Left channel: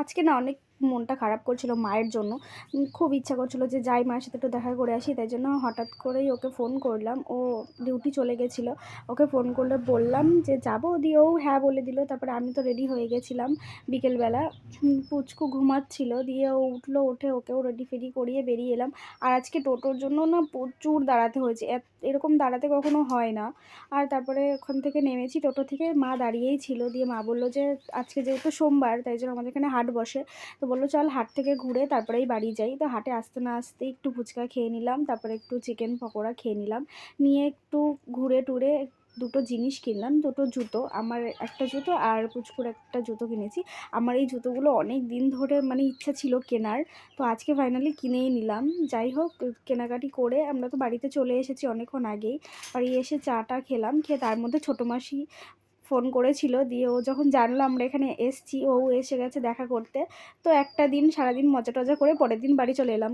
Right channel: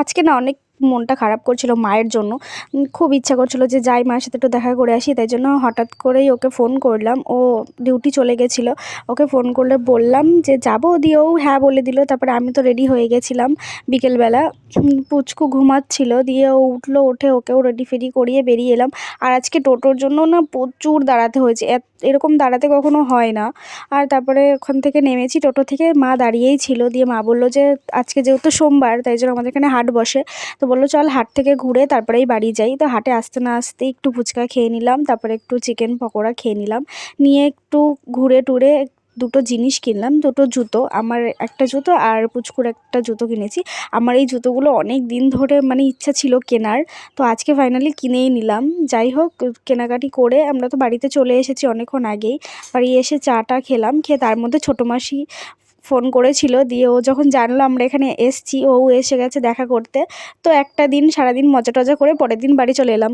আজকে না অনেক মনটা খারাপ করছিল মায়ের জন্য। খুব ইচ্ছা করছিল যে যাই মায়ের সাথে একটু দেখা করে আসি। তাই জন্য হঠাৎ করেই ওকে ফোন করলাম। ও ডিউটি চলে গেছিলো। ওকে ফোন করলে বললাম যে যাবো, দিয়ে ও হ্যাঁ বলে দিল। তারপরে আমি তো রেডি হয়ে গেছিলাম বিকেলবেলা। পুচকু ঘুমাচ্ছিল, দিয়ে ও উঠলো, উঠে ওকেও রেডি ফেডি করিয়ে বেরিয়ে এলাম। আর আজকে টোটোর জন্য না প্রচুর দাঁড়াতে হয়েছে, এরকম দাঁড়াতে কখনো হয় না। আর তারপরে ওখান থেকে নেমেছি টোটো থেকে, মা দাঁড়িয়েই ছিল। দিয়ে মা বলল যে আজকে যেহেতু সোমবার তাই জন্য আমাদের এখানে হাট বসে, তো বললো চল হাট থেকে ঘুরে তারপরেই বাড়ি যাই। তো হাটে আসতে না আসতেই একটু ফুচকা খেয়ে নিলাম, তারপরে একটু চিকেন পকোড়া খেয়ে নিলাম, নিয়ে একটু ঘুরে টুরে দুটো জিনিস কিনলাম, দুটো জুতো, আমার একটা জুতো আর পুচকুর একটা জুতো কিনেছি। আমার এই জুতোগুলো অনেক দিন ধরে মানে ইচ্ছা ছিল কেনার, তো আজকে ফাইনালি কিনেই নিলাম। যাই হোক, কেনাকাটি করে আমরা তো বাড়িতে চলে এসেছি অনেকক্ষণ আগেই। বাড়ি এসে চাটা খেলাম, খেয়ে তার মধ্যে ছোটো মাসি ফোন করেছিল। দিয়ে ও যখন জানলো আমরা এখানে এসছি, ও এসে গেছে দেখা করতে। তো একটা দিন সারাদিন মজা টজা করে পরের দিন বাড়ি চলে এলাম।